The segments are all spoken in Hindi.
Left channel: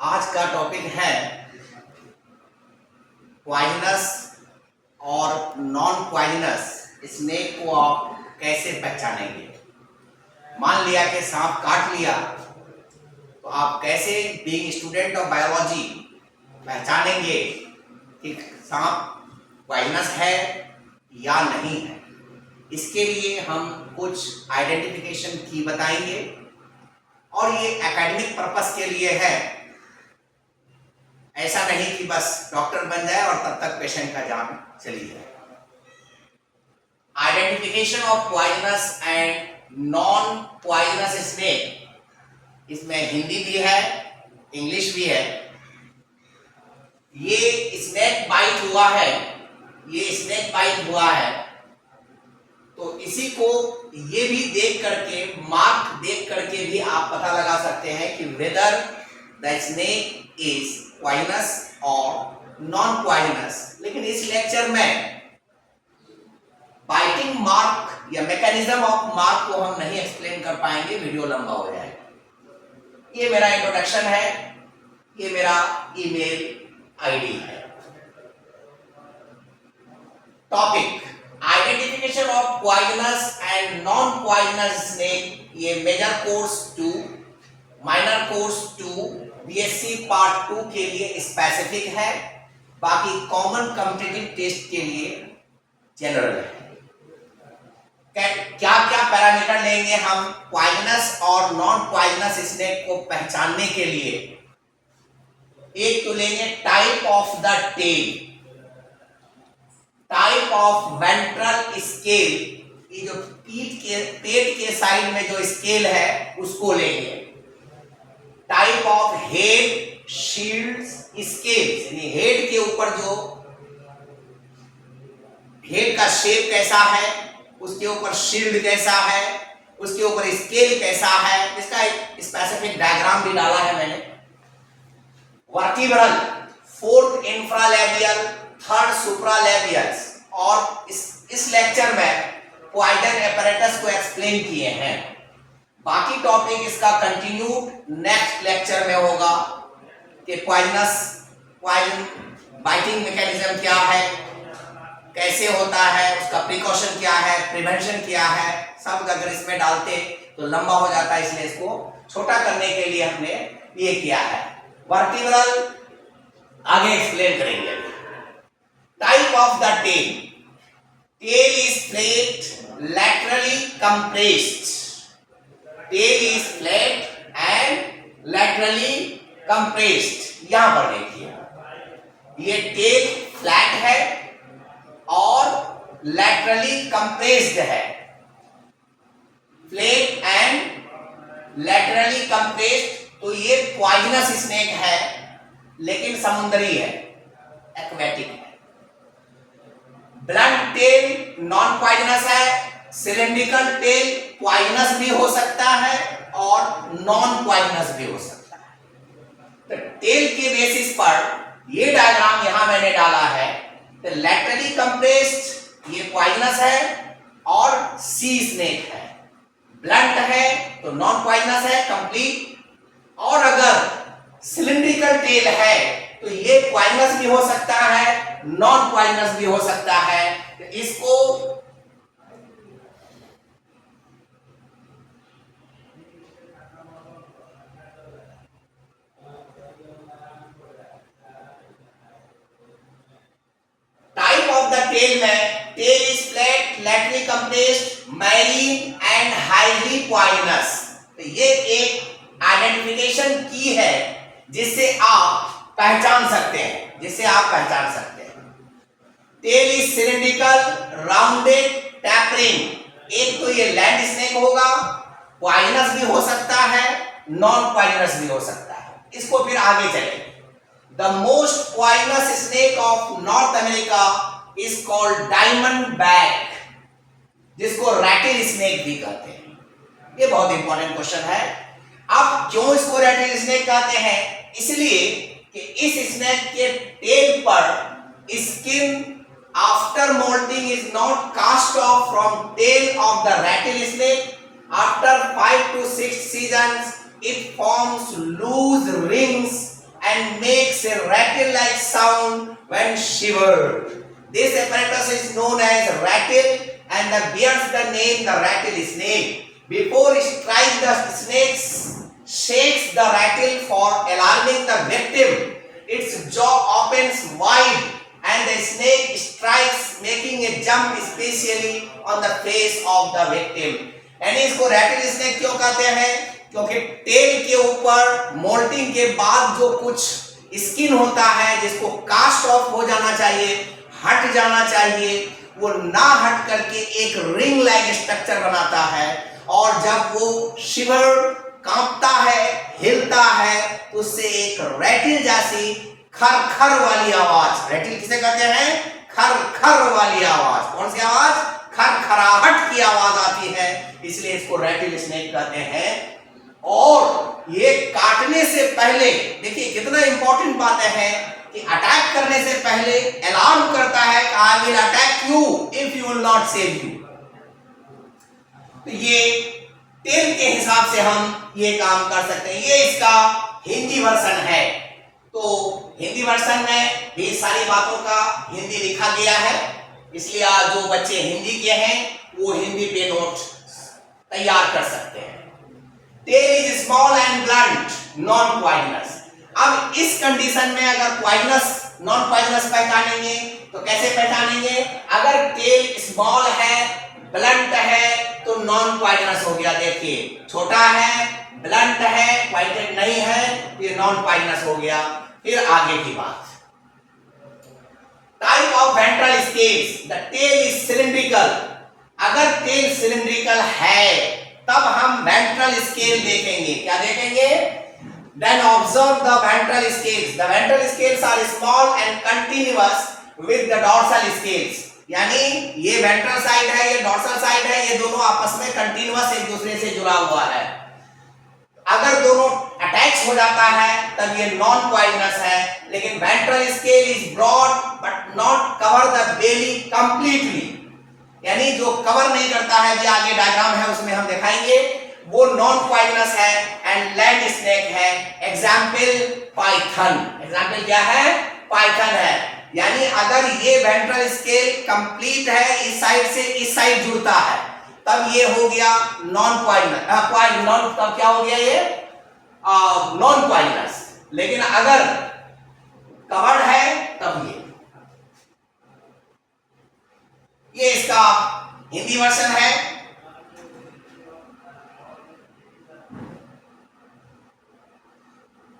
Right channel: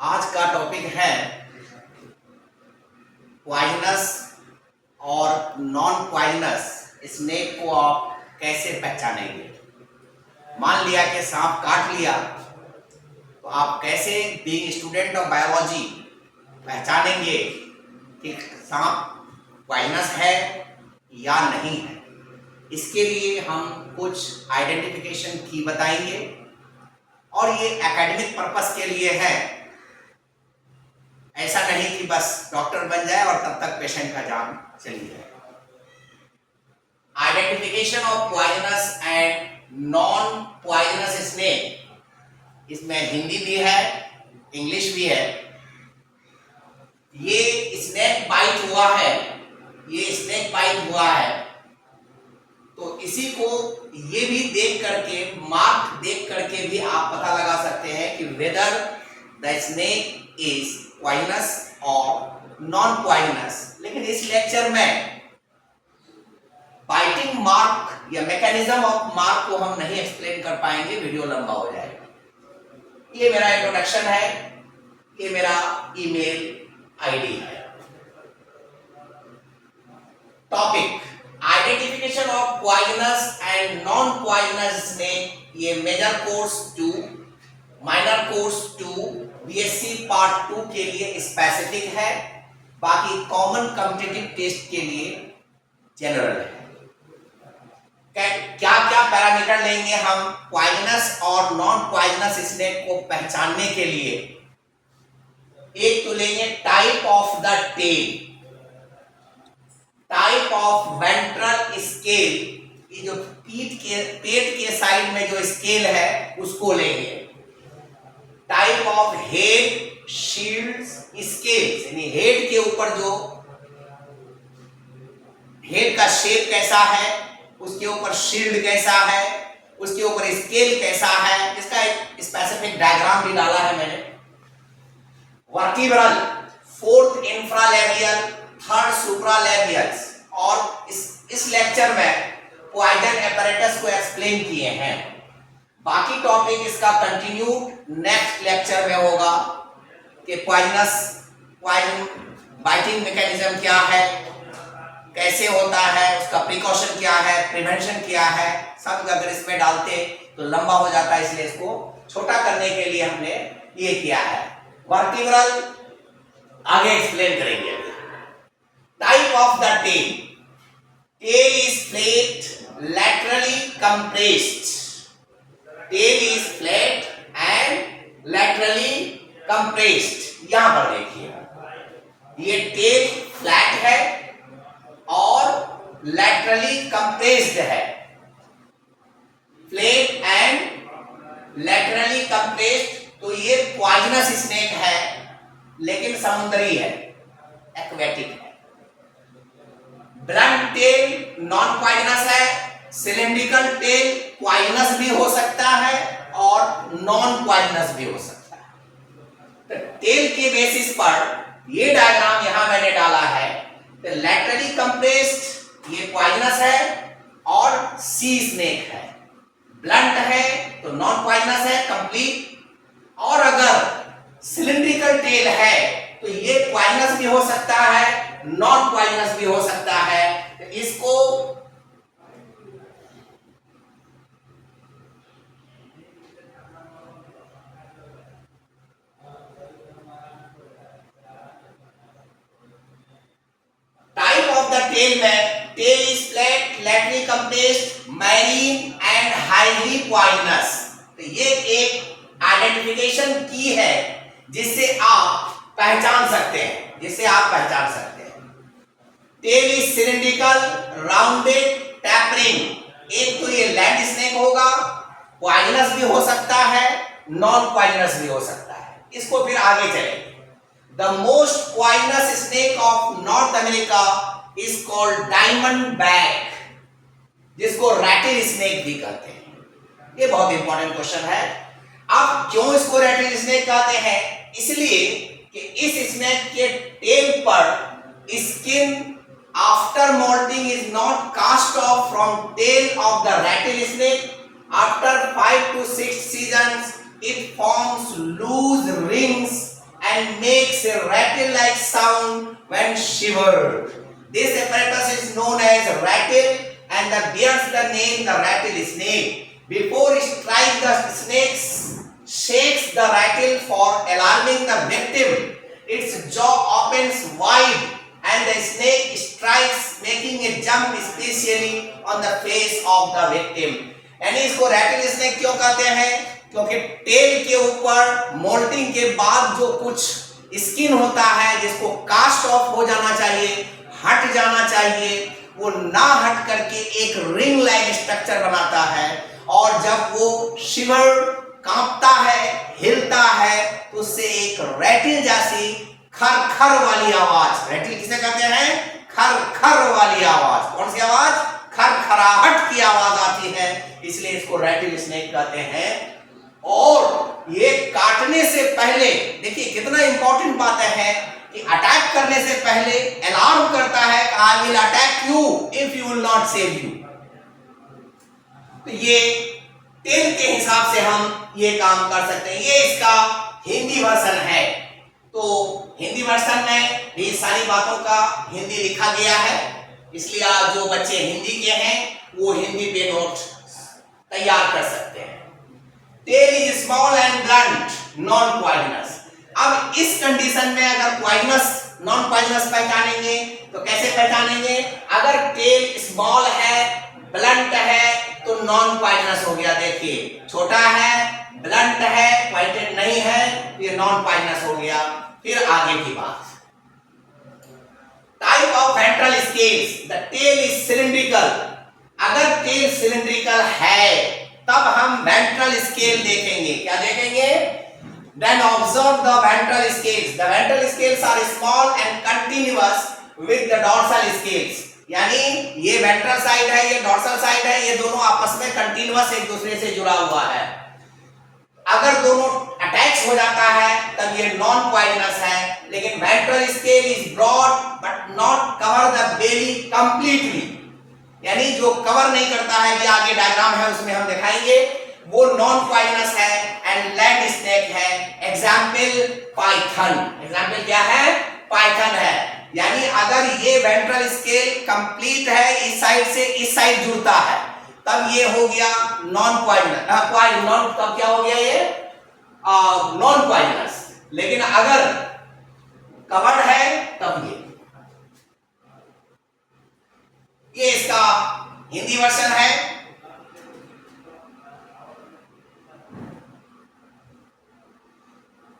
आज का टॉपिक है पॉइजनस और नॉन पॉइजनस स्नेक को आप कैसे पहचानेंगे। मान लिया कि सांप काट लिया तो आप कैसे बीइंग स्टूडेंट ऑफ बायोलॉजी पहचानेंगे कि सांप पॉइजनस है या नहीं है। इसके लिए हम कुछ आइडेंटिफिकेशन की बताएंगे और ये एकेडमिक पर्पस के लिए है। ऐसा नहीं कि बस डॉक्टर बन जाए और तब तक पेशेंट का जान चली जाए। Identification of poisonous and non poisonous snake, इसमें हिंदी भी है, इंग्लिश भी है। ये स्नेक बाइट हुआ है, ये स्नेक बाइट हुआ है तो इसी को ये भी देख करके, मार्क देख करके भी आप पता लगा सकते हैं कि whether the snake is poisonous और नॉन पॉइजनस। लेकिन इस लेक्चर में बाइटिंग मार्क या मैकेनिज्म ऑफ मार्क को हम नहीं एक्सप्लेन कर पाएंगे, वीडियो लंबा हो जाएगा। ये मेरा इंट्रोडक्शन है, ये मेरा ईमेल आईडी है। Topic identification of poisonous and non poisonous snake. ये major course 2, minor course 2, BSc part 2 के लिए स्पेसिफिक है, बाकी कॉमन कॉम्पिटिटिव टेस्ट के लिए जनरल है। क्या क्या पैरामीटर लेंगे हम पॉइजनस और नॉन पॉइजनस स्नेक को पहचानने के लिए। एक तो लेंगे type of the tail, type of ventral scale, ये जो पेट के साइड में जो स्केल है उसको लेंगे। Type of head shields scales, यानी हेड के ऊपर जो हेड का शेप कैसा है, उसके ऊपर शील्ड कैसा है, उसके ऊपर स्केल कैसा है, इसका एक स्पेसिफिक डायग्राम भी डाला है मैंने। वर्टिब्रल, फोर्थ इंफ्रालेबियल, थर्ड सुप्रालेबियल, और इस लेक्चर में पॉइजन एपरेटस को एक्सप्लेन किए हैं। बाकी टॉपिक इसका कंटिन्यूड नेक्स्ट लेक्चर में होगा कि पॉइजन बाइटिंग मैकेनिज्म क्या है, कैसे होता है, उसका प्रिकॉशन क्या है, प्रिवेंशन क्या है, सब अगर इसमें डालते तो लंबा हो जाता है, इसलिए इसको छोटा करने के लिए हमने ये किया है। वर्टिब्रल आगे एक्सप्लेन करेंगे। Type of the tail, tail is flat laterally compressed, tail is flat and laterally compressed। यहां पर देखिए ये टेल फ्लैट है और laterally compressed है। फ्लैट एंड laterally compressed, तो ये पॉइजनस स्नेक है लेकिन समुद्री है, एक्वेटिक है। ब्लंट टेल नॉन पॉइजनस है, सिलेंड्रिकल टेल पॉइजनस भी हो सकता है और नॉन पॉइजनस भी हो सकता है। तो टेल के बेसिस पर ये डायग्राम यहां मैंने डाला है। तो लैटरली कंप्रेस्ड ये पॉइजनस है और सी स्नेक है। ब्लंट है तो नॉन पॉइजनस है कंप्लीट, और अगर सिलिंड्रिकल टेल है तो ये पॉइजनस भी हो सकता है, नॉन पॉइजनस भी हो सकता है। तो इसको टाइप ऑफ द टेल में, tail is flat, laterally compressed, marine and highly poisonous. तो ये एक आइडेंटिफिकेशन की है जिससे आप पहचान सकते हैं, जिससे आप पहचान सकते हैं। Tail is cylindrical, rounded, tapering. एक तो ये लैंड स्नेक होगा, पॉइजनस भी हो सकता है, नॉन पॉइजनस भी हो सकता है। इसको फिर आगे चलेंगे। The most poisonous snake of north America is called diamond back, जिसको रैटल स्नेक भी कहते हैं। ये बहुत इंपॉर्टेंट क्वेश्चन है। अब क्यों इसको रैटल स्नेक कहते हैं? इसलिए कि इस स्नेक के टेल पर skin after moulting is not cast off from tail of the rattle snake. After 5 to 6 seasons it forms loose rings and makes a rattle-like sound when shivered. This apparatus is known as rattle and bears the name the rattlesnake. Before it strikes the snake, shakes the rattle for alarming the victim. Its jaw opens wide and the snake strikes, making a jump especially on the face of the victim. यानी इसको रैटल स्नेक क्यों कहते हैं? क्योंकि टेल के ऊपर मोल्टिंग के बाद जो कुछ स्किन होता है जिसको कास्ट ऑफ हो जाना चाहिए, हट जाना चाहिए, वो ना हट करके एक रिंग लाइक स्ट्रक्चर बनाता है और जब वो शिवर कांपता है, हिलता है तो उससे एक रैटल जैसी खर वाली आवाज, रैटल किसे कहते हैं? खर वाली आवाज। कौन सी आवाज? खरखराहट की आवाज आती है, इसलिए इसको रैटल स्नेक कहते हैं। और ये काटने से पहले देखिए कितना इंपॉर्टेंट बात है कि अटैक करने से पहले अलार्म करता है कि I will attack you if you will not save you. तो ये टेल के हिसाब से हम ये काम कर सकते हैं। ये इसका हिंदी वर्जन है। तो हिंदी वर्जन में भी सारी बातों का हिंदी लिखा गया है, इसलिए आज जो बच्चे हिंदी के हैं वो हिंदी पे नोट तैयार कर सकते हैं। Tail is small and blunt, non poisonous. अब इस कंडीशन में अगर पॉइजनस नॉन पॉइजनस पहचानेंगे तो कैसे पहचानेंगे? अगर टेल स्मॉल है, ब्लंट है तो नॉन पॉइजनस हो गया। देखिए छोटा है, ब्लंट है, पॉइंटेड नहीं है, ये नॉन पॉइजनस हो गया। फिर आगे की बात, type of ventral scales, the tail is cylindrical. अगर टेल सिलिंड्रिकल है तब हम वेंट्रल स्केल देखेंगे। क्या देखेंगे? Then observe the ventral scales. The ventral scales are small and continuous with the dorsal scales. यानी ये वेंट्रल साइड है, ये डॉर्सल साइड है, ये दोनों आपस में कंटिन्यूअस एक दूसरे से जुड़ा हुआ है। अगर दोनों अटैच हो जाता है तब ये नॉन पॉइजनस है। लेकिन ventral scale is broad but not cover the belly completely, यानी जो कवर नहीं करता है, जो आगे डायग्राम है उसमें हम दिखाएंगे, वो नॉन पॉइजनस है एंड लैंड स्नेक है। Example Python. एग्जाम्पल क्या है? पाइथन है। यानी अगर ये वेंट्रल स्केल कंप्लीट है, इस साइड से इस साइड जुड़ता है, तब ये हो गया नॉन पॉइजनस। नॉन तब क्या हो गया? ये नॉन पॉइजनस। लेकिन अगर कवर्ड है तब ये इसका हिंदी वर्जन है।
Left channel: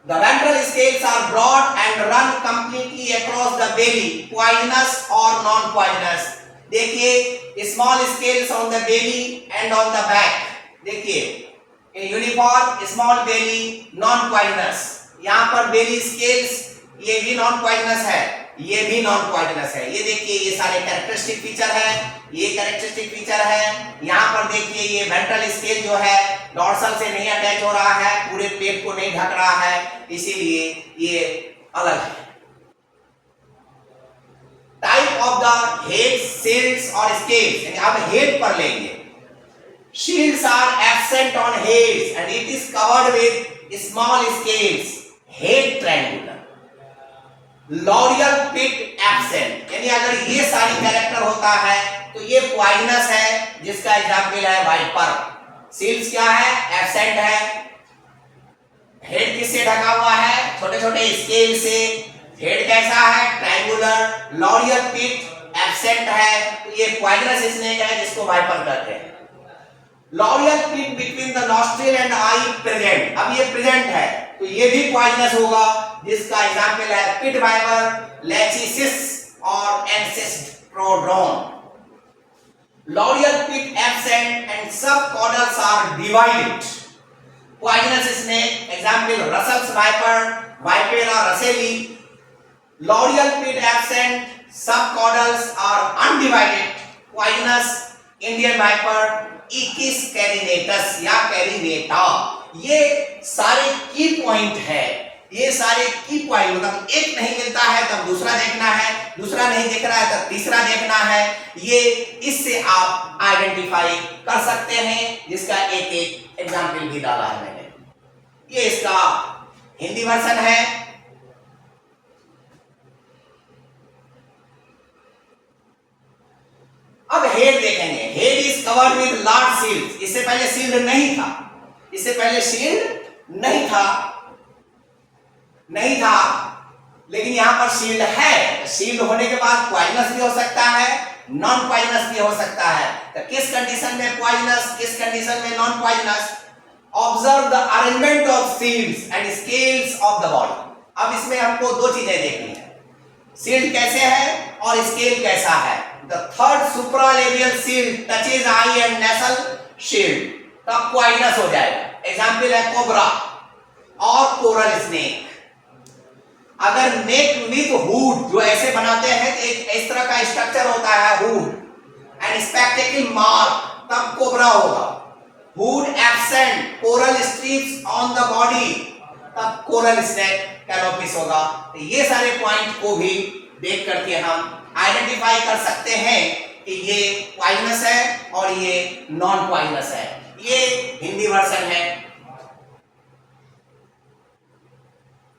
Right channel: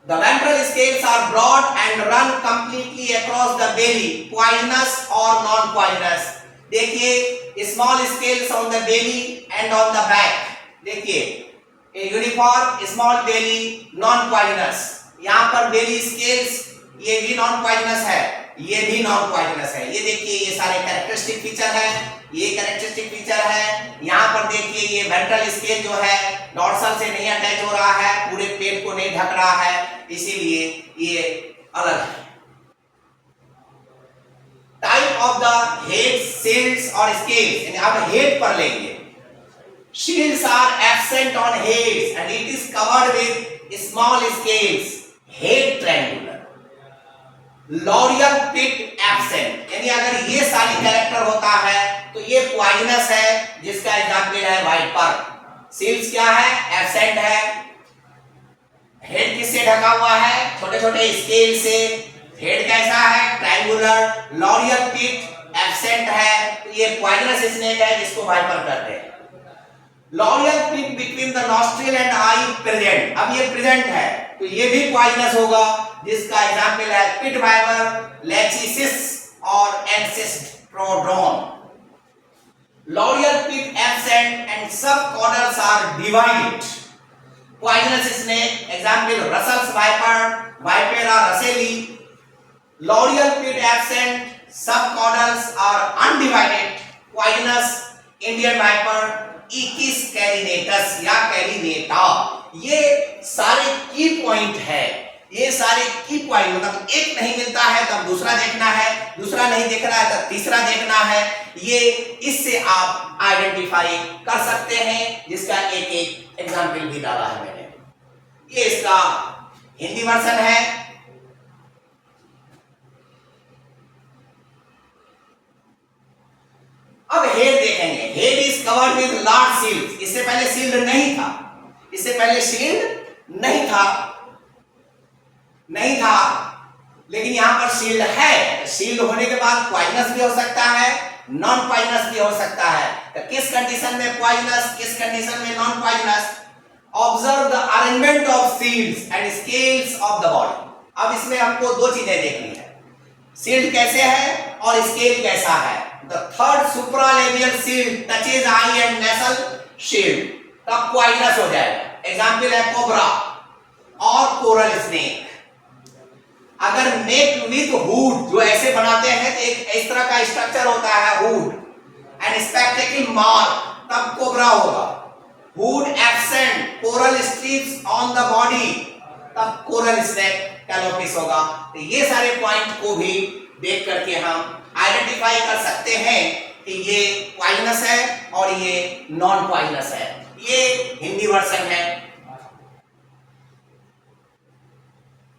The ventral scales are broad and run completely across the belly, poisonous or non-poisonous. देखिए small scales on the belly and on the back. देखिए a uniform small belly non-poisonous. यहाँ पर belly scales ये भी non-poisonous है, ये भी non-poisonous है। ये देखिए ये सारे कैरेक्टरिस्टिक फीचर है, ये कैरेक्टरिस्टिक फीचर है। यहाँ पर देखिए ये वेंट्रल स्केल जो है डॉर्सल से नहीं अटैच हो रहा है, पूरे पेट को नहीं ढक रहा है, इसीलिए ये अलग है। Type of the head shields और स्केल्स, यानी अब हेड पर लेंगे। Shields are absent on heads and it is covered with small scales. Head triangular, loreal pit absent, यानी अगर ये सारी कैरेक्टर होता है तो ये पॉइजनस है, जिसका एग्जांपल है वाइपर। सील्स क्या है? एब्सेंट है। हेड किससे ढका हुआ है? छोटे छोटे स्केल से। हेड कैसा है? ट्रायंगुलर। लॉरियल पिट एब्सेंट है, तो ये पॉइजनस स्नेक है जिसको वाइपर कहते हैं। Loreal pit between the nostril and eye present, अब ये प्रेजेंट है तो ये भी पॉइजनस होगा, जिसका एग्जांपल है पिट वाइपर, लेचिसिस और एंसेस्ट्रोड्रोन। L'Oreal pit absent and subcaudals are divided. Poisonous snake, example Russell's viper, Vipera russelli. L'Oreal pit absent, subcaudals are undivided. Poisonous Indian viper, Ichthys carinatus या कैरिनेटा। ये सारे की पॉइंट है, ये सारे की पॉइंट, मतलब एक नहीं मिलता है तब दूसरा देखना है, दूसरा नहीं देख रहा है तब तीसरा देखना है। ये इससे आप आइडेंटिफाई कर सकते हैं, जिसका एक एक एग्जाम्पल भी डाला है मैंने। ये इसका हिंदी वर्जन है। हेड देखेंगे, head is covered with large shield. इससे पहले सील्ड नहीं था, इससे पहले शील्ड नहीं था, लेकिन यहां पर शील्ड है। शील्ड होने के बाद पॉइजनस भी हो सकता है, नॉन पॉइजनस भी हो सकता है। तो किस कंडीशन में पॉइजनस, किस कंडीशन में non poisonous? Observe the arrangement of shields and scales of the body. अब इसमें हमको दो चीजें देखनी है, शील्ड कैसे है और स्केल कैसा है। The third supralabial shield touches eye and nasal shield, तब पॉइजनस हो जाएगा। एग्जाम्पल है कोबरा और कोरल स्नेक। अगर नेक विद हुड, जो ऐसे बनाते हैं, एक इस तरह का स्ट्रक्चर होता है हुड एंड स्पेक्टेकल मार्क, तब कोबरा होगा। Hood absent, coral strips on the body, तब कोरल स्नेक कैलोपिस होगा। तो ये सारे पॉइंट को भी देख करके हम आइडेंटिफाई कर सकते हैं कि ये पॉइजनस है और ये नॉन पॉइजनस है। ये हिंदी वर्जन है।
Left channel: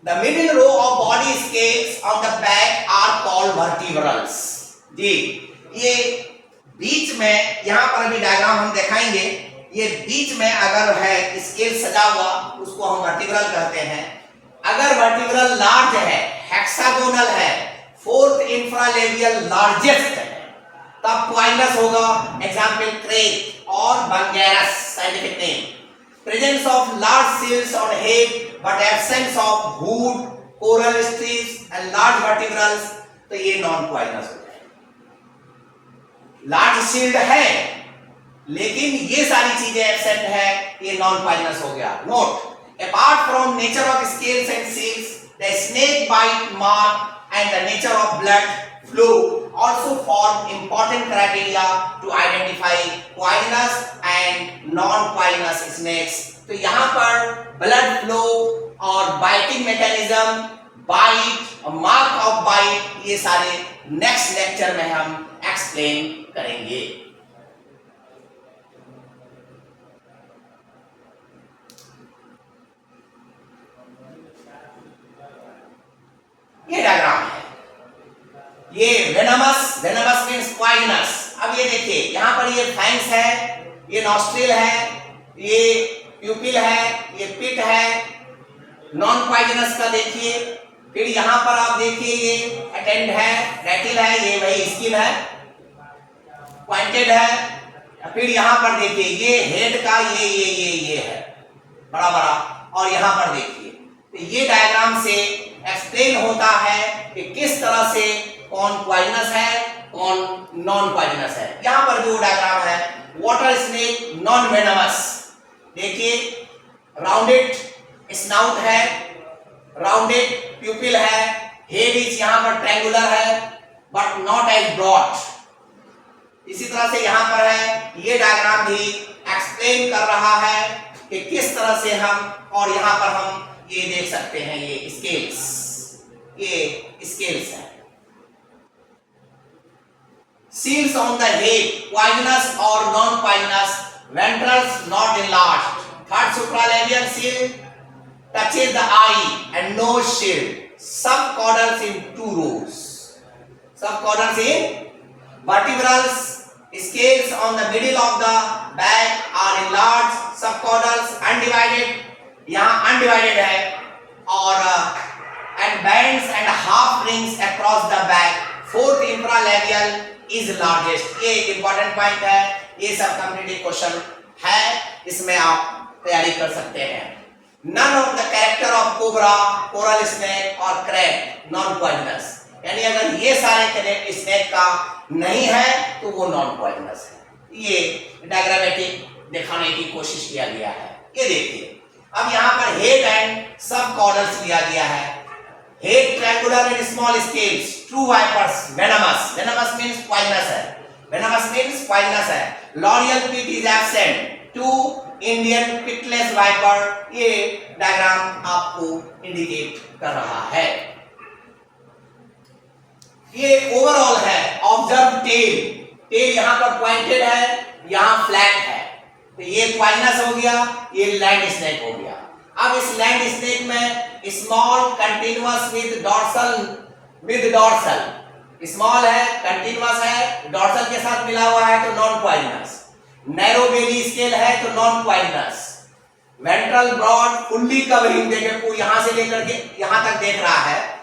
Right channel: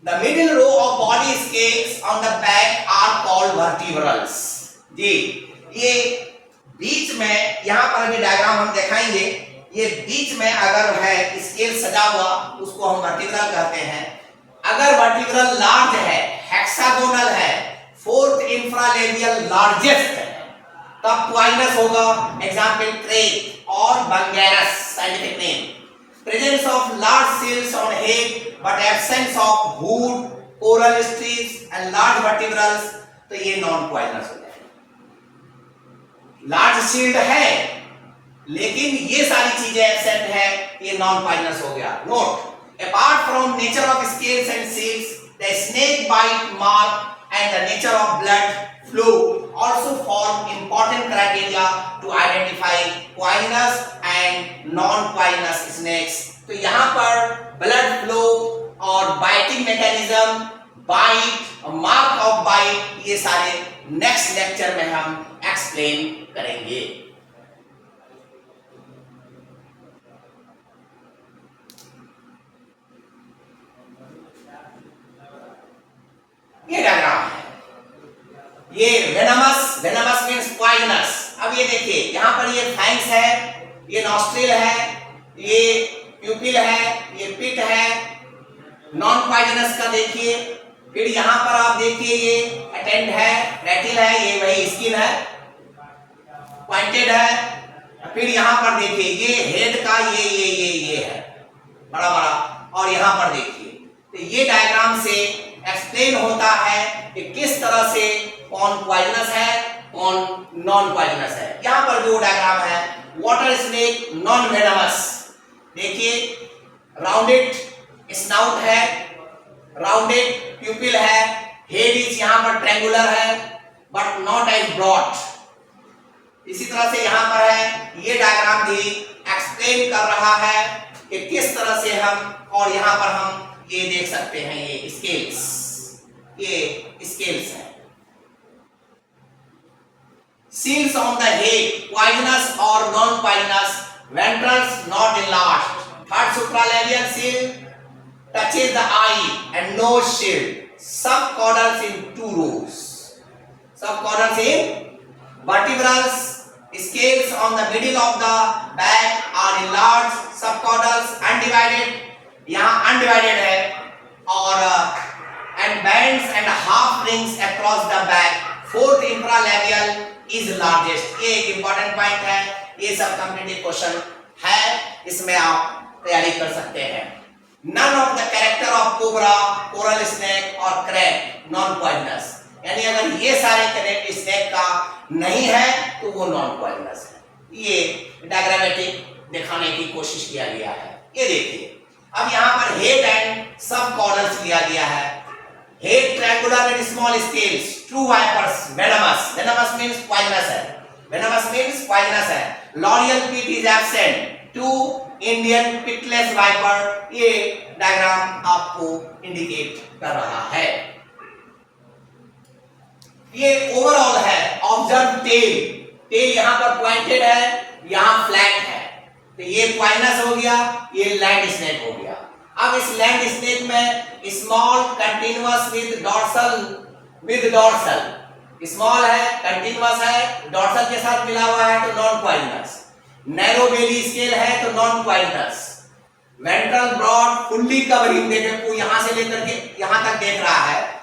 The middle row of body scales on the back are called vertebrals। जी, ये बीच में, यहां पर अभी डायग्राम हम दिखाएंगे, ये बीच में अगर है स्केल सजा हुआ, उसको हम वर्टिब्रल कहते हैं। अगर वर्टिब्रल लार्ज है, हेक्सागोनल है, फोर्थ इंफ्रालेबियल लार्जेस्ट है, तब पॉइजनस होगा। एग्जाम्पल क्रेक और bungarus, scientific name. Presence of large seals on head but absence of hood, coral strips and large vertebrals, तो ये नॉन पॉइजनस हो जाएगा। लार्ज शील्ड है लेकिन ये सारी चीजें एब्सेंट है, ये नॉन पॉइजनस हो गया। Note, apart from nature of scales and seals, the snake bite mark and the nature of blood flow also form important criteria to identify poisonous and non-poisonous snakes। तो यहाँ पर ब्लड फ्लो और biting mechanism, bite, mark of bite, ये सारे नेक्स्ट लेक्चर में हम एक्सप्लेन करेंगे। ये डायग्राम है, ये वेनमस मींस पॉइजनस। अब ये देखिए, यहां पर ये फैंक्स है, ये नॉस्ट्रिल है, ये प्यूपिल है, ये पिट है, नॉन पॉइजनस का देखिए। फिर यहां पर आप देखिए, ये अटेंड है, रेटिल है, ये वही स्किन है, पॉइंटेड है। फिर यहां पर देखिए, ये हेड का ये है बड़ा बड़ा, और यहां पर देखिए। तो ये डायग्राम से एक्सप्लेन होता है कि किस तरह से कौन पॉइजनस है, कौन नॉन पॉइजनस है। यहां पर जो डायग्राम है, वाटर स्नेक नॉन वेनमस, देखिए राउंडेड स्नाउट है, राउंडेड प्यूपिल है, हेड इज यहां पर ट्रायंगुलर है बट नॉट एज ब्रॉड। इसी तरह से यहां पर है, ये डायग्राम भी एक्सप्लेन कर रहा है कि किस तरह से हम, और यहां पर हम ये देख सकते हैं, ये स्केल्स, ये स्केल्स है। Seals on the head, poisonous or non-poisonous, ventrals not enlarged. Third supralabial seal touches the eye and nose shield. Subcaudals in 2 rows. Subcaudals in vertebrals, scales on the middle of the back are enlarged. Subcaudals undivided, यहाँ undivided है, और and bands and half rings across the back. Fourth infralabial is largest। ये एक इंपॉर्टेंट पॉइंट है, ये सब कॉम्पिटिटिव क्वेश्चन है, इसमें आप तैयारी कर सकते हैं। None of the character of cobra, coral snake और crab non poisonous, यानी अगर ये सारे स्नेक का नहीं है तो वो नॉन पॉइजनस है। ये डायग्रामेटिक दिखाने की कोशिश किया गया है। ये देखिए, अब यहाँ पर हेड एंड सब कॉर्डर्स लिया गया है। Head triangular and small scales, true vipers, venomous, venomous means poisonous है, venomous means poisonous है। L'Oreal pit is absent, two Indian pitless viper, ये डायग्राम आपको इंडिकेट कर रहा है। ये ओवरऑल है, ऑब्जर्व टेल, टेल यहाँ पर पॉइंटेड है, यहाँ फ्लैट है, तो ये पॉइजनस हो गया, ये लैंड स्नेक हो गया। अब इस लैंड स्नेक में small continuous with dorsal small है, कंटिन्यूअस है, डॉर्सल के साथ मिला हुआ है तो non poisonous. Narrow belly scale है तो non poisonous. Ventral broad fully covering, देखे यहां से लेकर के यहां तक देख रहा है।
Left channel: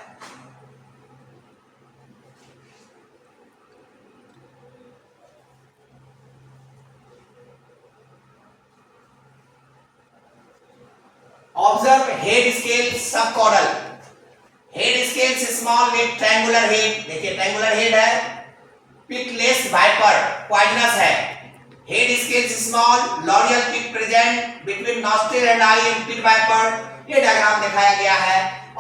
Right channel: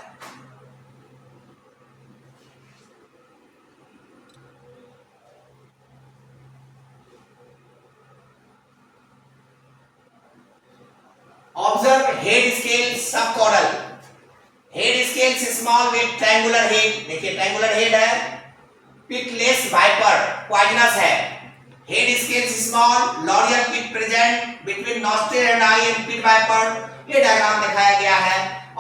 Observe head scale subcaudal. Head scale small with triangular head, देखिए ट्रायंगुलर हेड है। पिटलेस वाइपर पॉइजनस है। Head scale small, loreal pit present between nostril and eye in pit viper, ये डायग्राम दिखाया गया है।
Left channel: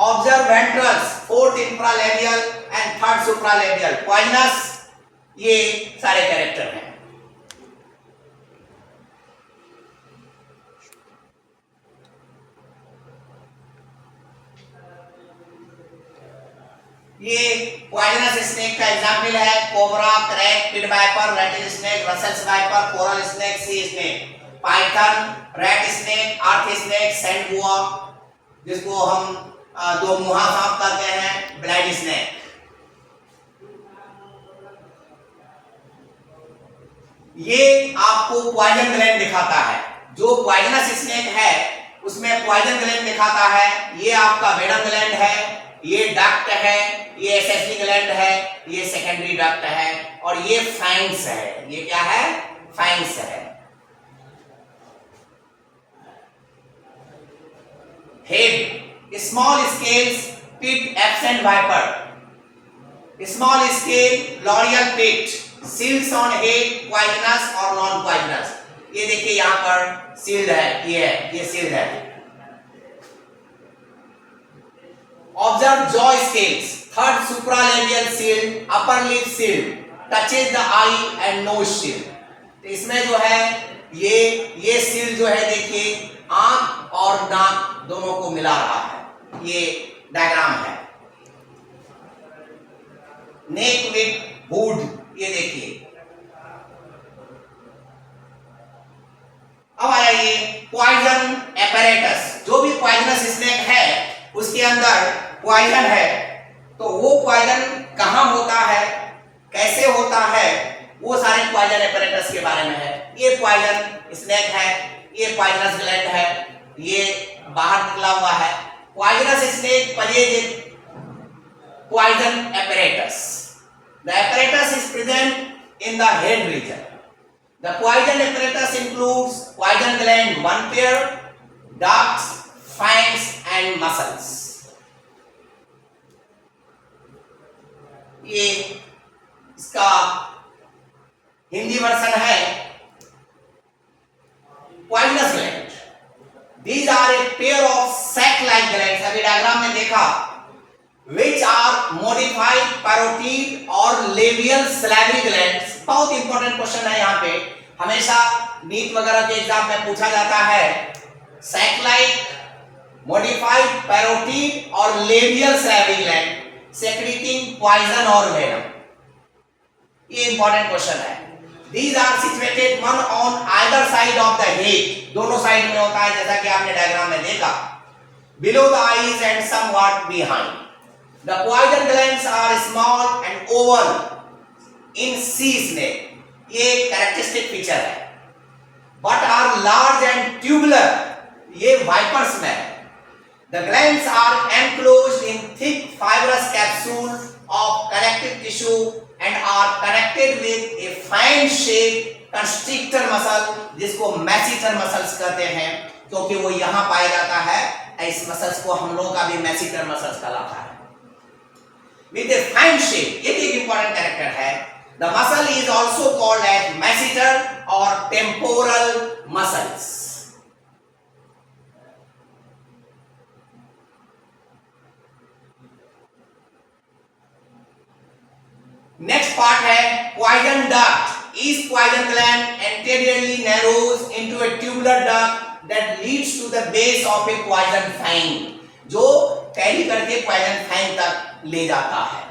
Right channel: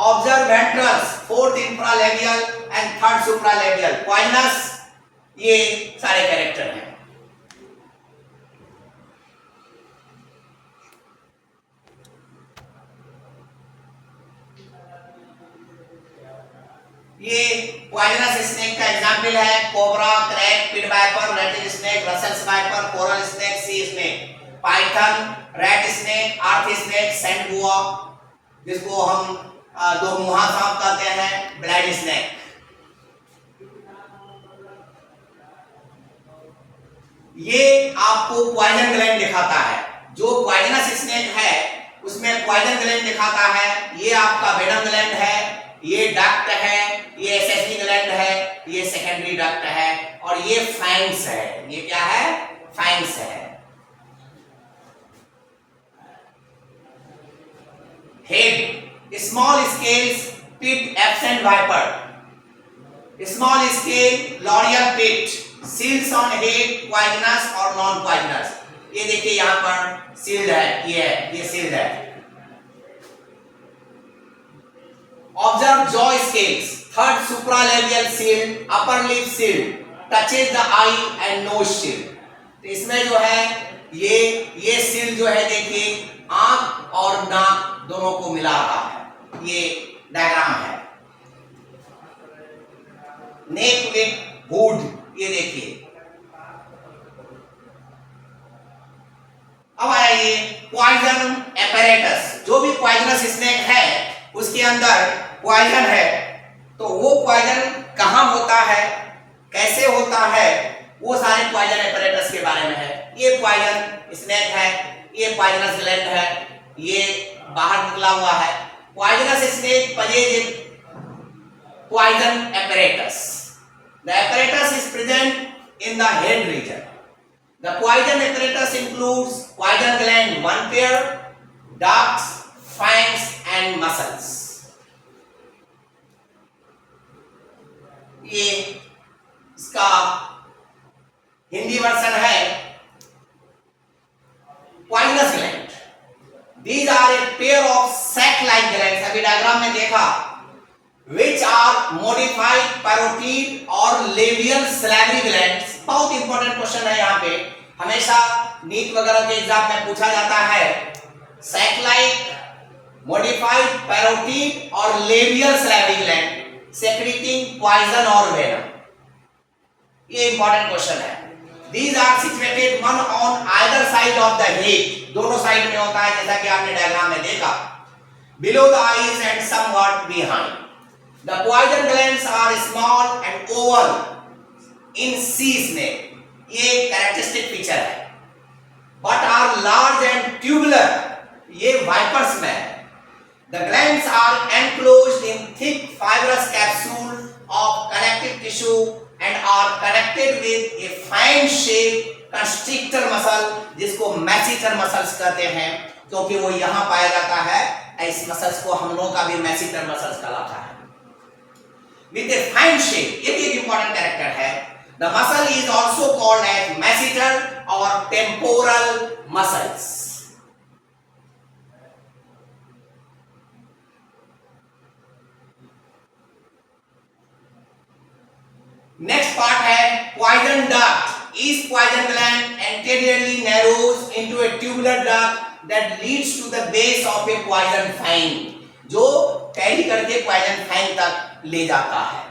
Observe ventrals, fourth infralabial and third supralabial poisonous, ये सारे कैरेक्टर हैं। ये पॉइजनस स्नेक का एग्जांपल है, cobra, krait, pit viper, rattle snake, Russell's viper, coral snake, sea snake, Python, rat snake, अर्थ स्नेक, सैंड बुआ, जिसको हम दो मुहा सांप कहते हैं, ब्लाइड स्नेक। ये आपको पॉइजन ग्लैंड दिखाता है। जो पॉइजनस स्नेक है उसमें पॉइजन ग्लैंड दिखाता है। ये आपका वेनम ग्लैंड है, ये डक्ट है, ये एसेसरी ग्लैंड है, ये सेकेंडरी डक्ट है, और ये फैंग्स है। ये क्या है? फैंग्स है। Head, small scales, pit absent viper, small scale loreal pit, shields on head, poisonous और नॉन पॉइजनस। ये देखिए यहां पर सील्ड है, ये सील्ड है। Observe jaw scales, third supralabial shield, upper lip shield, touches the eye and nose shield। तो इसमें जो है ये shield जो है देखिए आंख और नाक दोनों को मिला रहा है। ये डायग्राम है। नेक विथ हुड, ये देखिए। अब आया ये पॉइजन एपैरेटस। जो भी पॉइजनस स्नेक है उसके अंदर पॉइजन है, तो वो पॉइजन कहां होता है, कैसे होता है, वो सारे पॉइजन एपैरेटस के बारे में है। ये पॉइजन स्नेक है, ये पॉइजनस ग्लैंड है, ये बाहर निकला हुआ है। Poisonous snake possess poison apparatus. The apparatus is present in the head region. The poison apparatus includes poison gland, one pair, ducts, fangs and muscles. ये इसका हिंदी वर्जन है poisonous gland. These are a pair of sac-like glands. अभी डायग्राम में देखा, which are modified parotid और labial salivary glands. बहुत इंपॉर्टेंट क्वेश्चन है यहाँ पे, हमेशा नीट वगैरह के एग्जाम में पूछा जाता है। sac-like, modified parotid और labial salivary gland secreting poison or venom. ये इंपॉर्टेंट क्वेश्चन है। These are situated one on either side of the head. दोनों साइड में होता है जैसा कि आपने डायग्राम में देखा। Below the eyes and somewhat behind. The poison glands are small and oval in sea snake. ये कैरेक्टरिस्टिक फीचर है। But are large and tubular. ये वाइपर्स में है। The glands are enclosed in thick fibrous capsule of connective tissue and are connected with a fan-shaped constrictor muscle, जिसको masseter muscles कहते हैं, क्योंकि वो यहाँ पाया जाता है। इस मसल्स को हम लोगों का भी masseter muscles कहलाता है। With a fan shape, ये भी एक important character है। The muscle is also called as masseter or temporal muscles. Next part है poison duct. Each poison gland anteriorly narrows into a tubular duct that leads to the base of a poison fang, जो कैरी करके poison fang तक ले जाता है।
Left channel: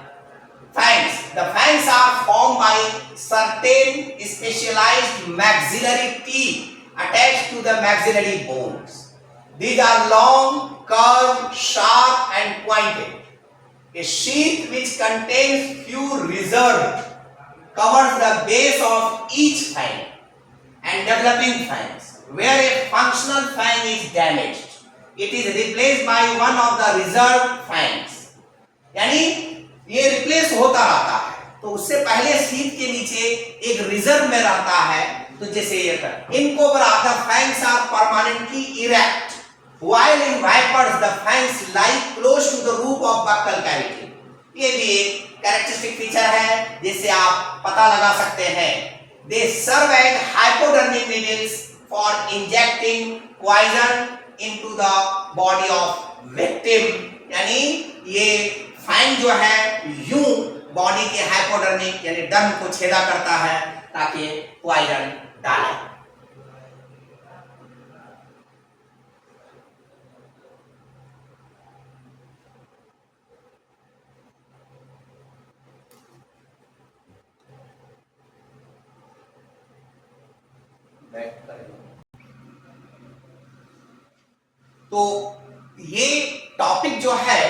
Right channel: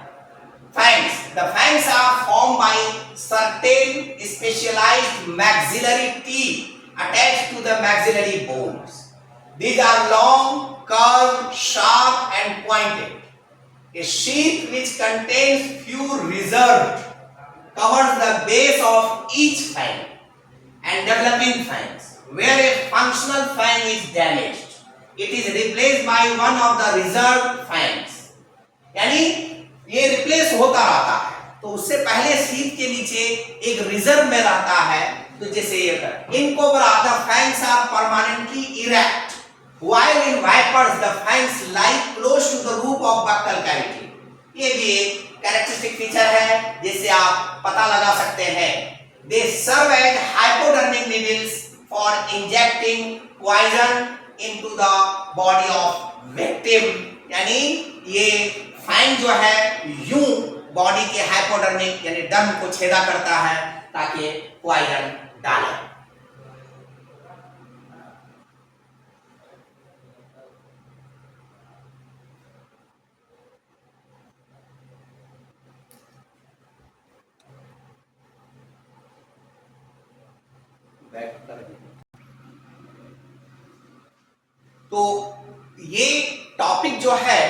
Fangs. The fangs are formed by certain specialized maxillary teeth attached to the maxillary bones. These are long, curved, sharp and pointed. A sheath which contains few reserve covers the base of each fang and developing fangs. Where a functional fang is damaged, it is replaced by one of the reserved fangs. यानी ये रिप्लेस होता रहता है, तो उससे पहले शीथ के नीचे एक रिजर्व में रहता है. तो जैसे in cobra the fangs are permanently erect, while in vipers the fangs lie close to the roof of buccal cavity. ये भी एक कैरेक्टरिस्टिक फीचर है जिससे आप पता लगा सकते हैं. They serve as hypodermic needles for injecting poison into the body of victim. यानी ये फैंग जो है यूं बॉडी के हाइपोडर्मिक यानी डर्म को छेदा करता है ताकि पॉइजन डाले. तो ये टॉपिक जो है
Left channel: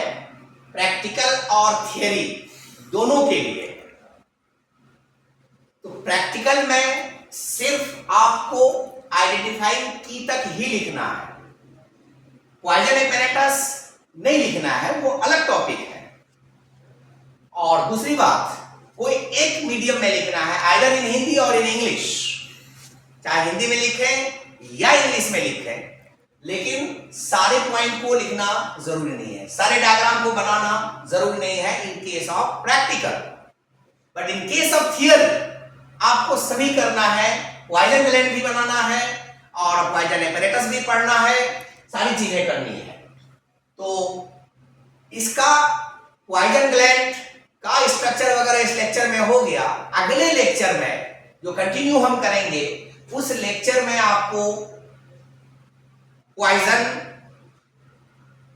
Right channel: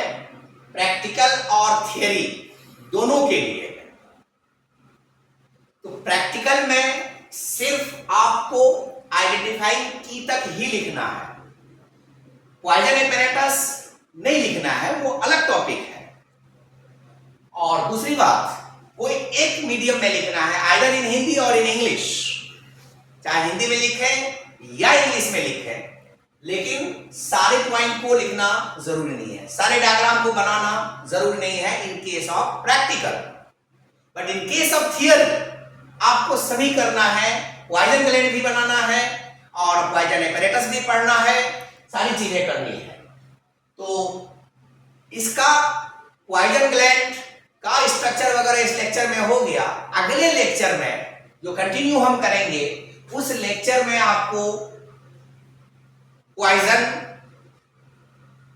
प्रैक्टिकल और थियरी दोनों के लिए है. तो प्रैक्टिकल में सिर्फ आपको आइडेंटिफाई की तक ही लिखना है, पॉइजन एपैरेटस नहीं लिखना है, वो अलग टॉपिक है. और दूसरी बात, कोई एक मीडियम में लिखना है, आइदर इन हिंदी और इन इंग्लिश. चाहे हिंदी में लिखें या इंग्लिश में लिखें, लेकिन सारे पॉइंट को लिखना जरूरी नहीं है, सारे डायग्राम को बनाना जरूरी नहीं है in case of practical. But in case of theory आपको सभी करना है, पॉइजन ग्लैंड भी बनाना है और पॉइजन एपैरेटस भी पढ़ना है, सारी चीजें करनी है. तो इसका पॉइजन ग्लैंड का स्ट्रक्चर वगैरह इस लेक्चर में हो गया. अगले लेक्चर में जो कंटिन्यू हम करेंगे उस लेक्चर में आपको poison,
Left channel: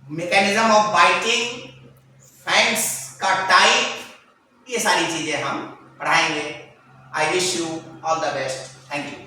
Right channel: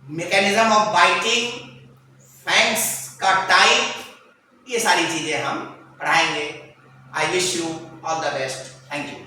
mechanism of biting, fangs का टाइप, ये सारी चीजें हम पढ़ाएंगे. I wish you all the best. Thank you.